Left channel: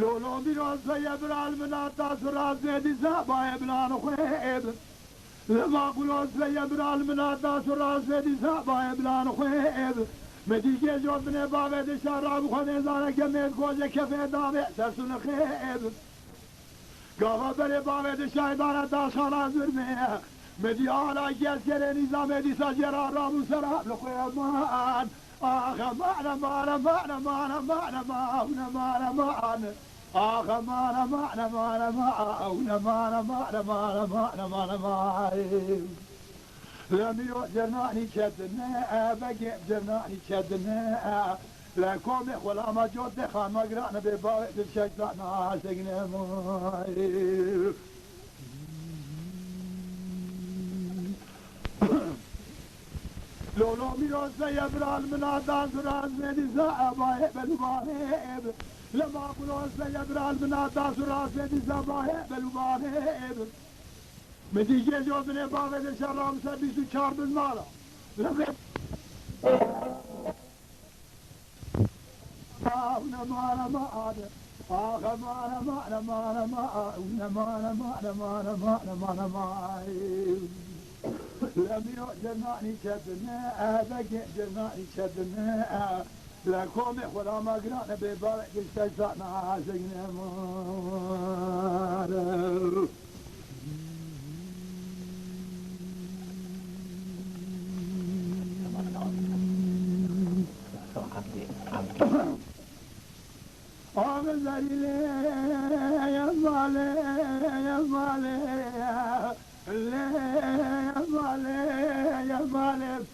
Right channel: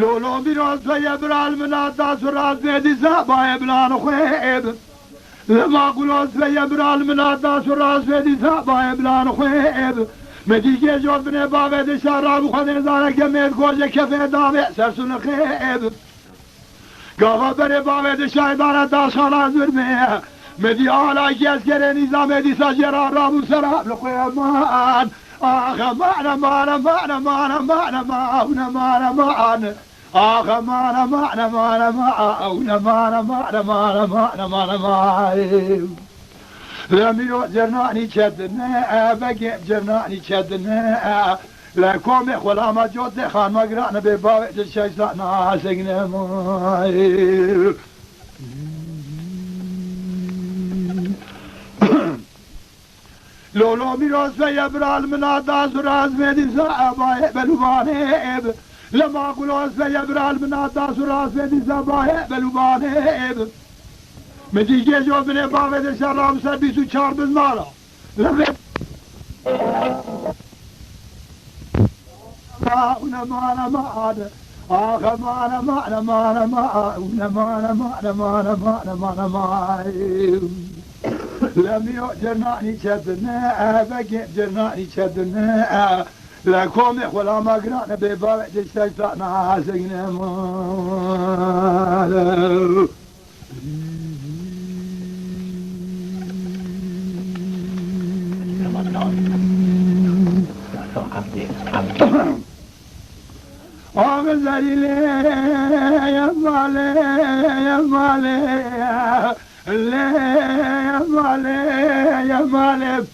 لولو بیراز و یبرال مناد داس و راز بیدی زبای بلان خویب لما قلوز و یبرال مناد داس و راز بیدی زبای بلان خویب مدیگه جوز بنه باوه دشار رابو خود نزاره که مید گوزه کفه داوه سرسون خیب گاوا بره باوه دشای بارد داس خالا زرمه مدی آلا کی از کره نیزا مدی ساجرا رابو سراب لخویب مان آخ مان مان مان مان مان مان مان مان آخ مان مان مان مان مان مان مان مان مان لمیو جرنانی چدنه بگی جرنانی چدنه لکوم خلام جود خان مگران به باوی شیطان ناسگنه مای لولو میراز و یبرال مناداز و راز میدی زبای بلوبانه لما قلوز و یبرال مناداز و راز میدی زبای بلوبانه مدیگه جو بنه باوه ده شرام سر 24 بزمالا مانا مانا مانا آخ مانا مانا مانا مانا مانا مانا مانا مانا مانا مانا لم يؤجرناني شدنا بقي جرناني شدنا لكم ولا ما قرانا ببابع الشيطان عاسقنا مالا أغزلي لي يا مالي يا مالي لي يا مالي يا مالي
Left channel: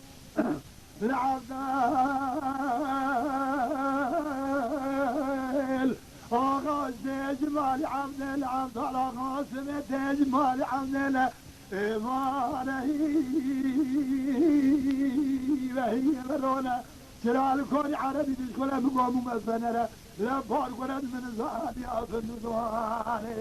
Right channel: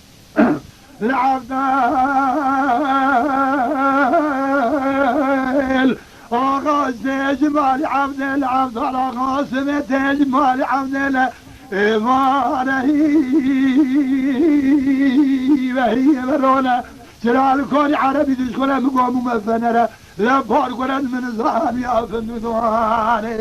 العبدال أغاز تجمالي عبدال عبدال أغاز تجمالي عبدال إيمانهي وهي مرونا جلال كوني عربي تشكولا مقوم مفنرة لا بارقرا من زهر يا فندواني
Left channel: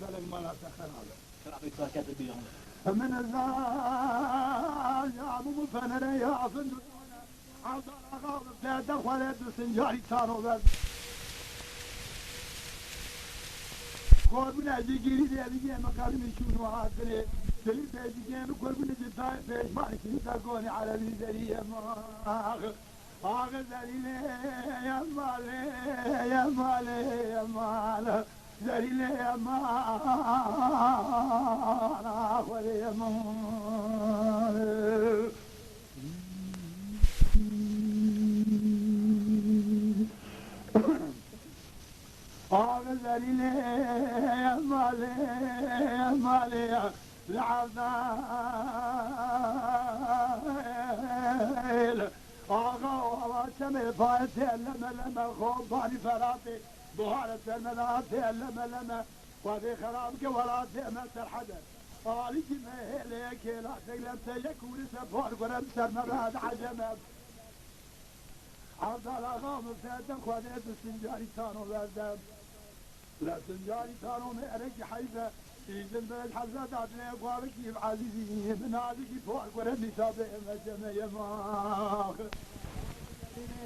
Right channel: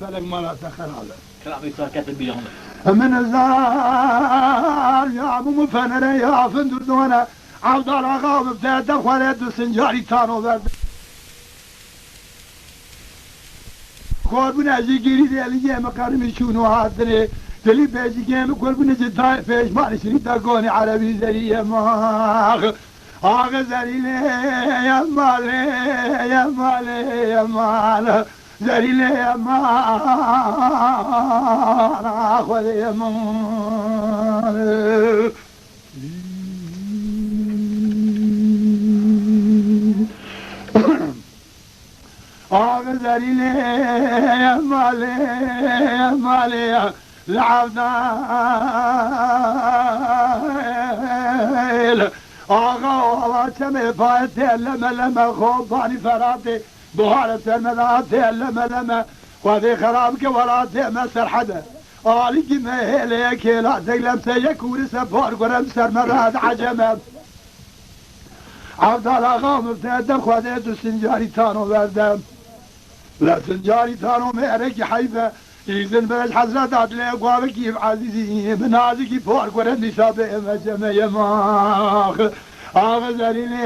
فلك ما لا سخر هذا كلامي صار كاتب بيهم من الزهر يا مفنرة يا فندواني عبد الأغا مبتدى دخلت السنجاري تانو برد قربنا جيجيري ديالي مقارمي شونو هاتني دلي بيجي كيم قربنا جداي فيش ماني شريط اقوني عربي زرية ماخ آغا زريلي يا مالي يا مالي يا مال زريلي يا مال اخوذ يا مال آغا زريلي يا مالي يا مالي العبدال آغا والله كمي فايتي لما خوباني فراتي بهارة المناتي لما وذي خرابك ولاتي مسر حدا آلي كمي هيليك لا تقلم سيكون سفار قرم سر مراد عجمة عبدال آغا مبتدى خوديت السنجاري تانو بردم لا سنجاري تانو مهرك حيفة إذن بلش حضرت عدلي أقوابك كيف عزيزي بنازكي فوق ورد نشابه مجمع يماخ أغزريني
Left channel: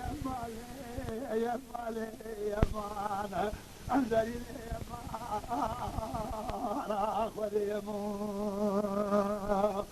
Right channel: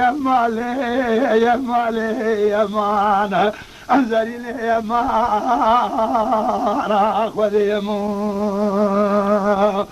يا مالي يا مالي يا مان أنزريني يا مان أخوذ يا مان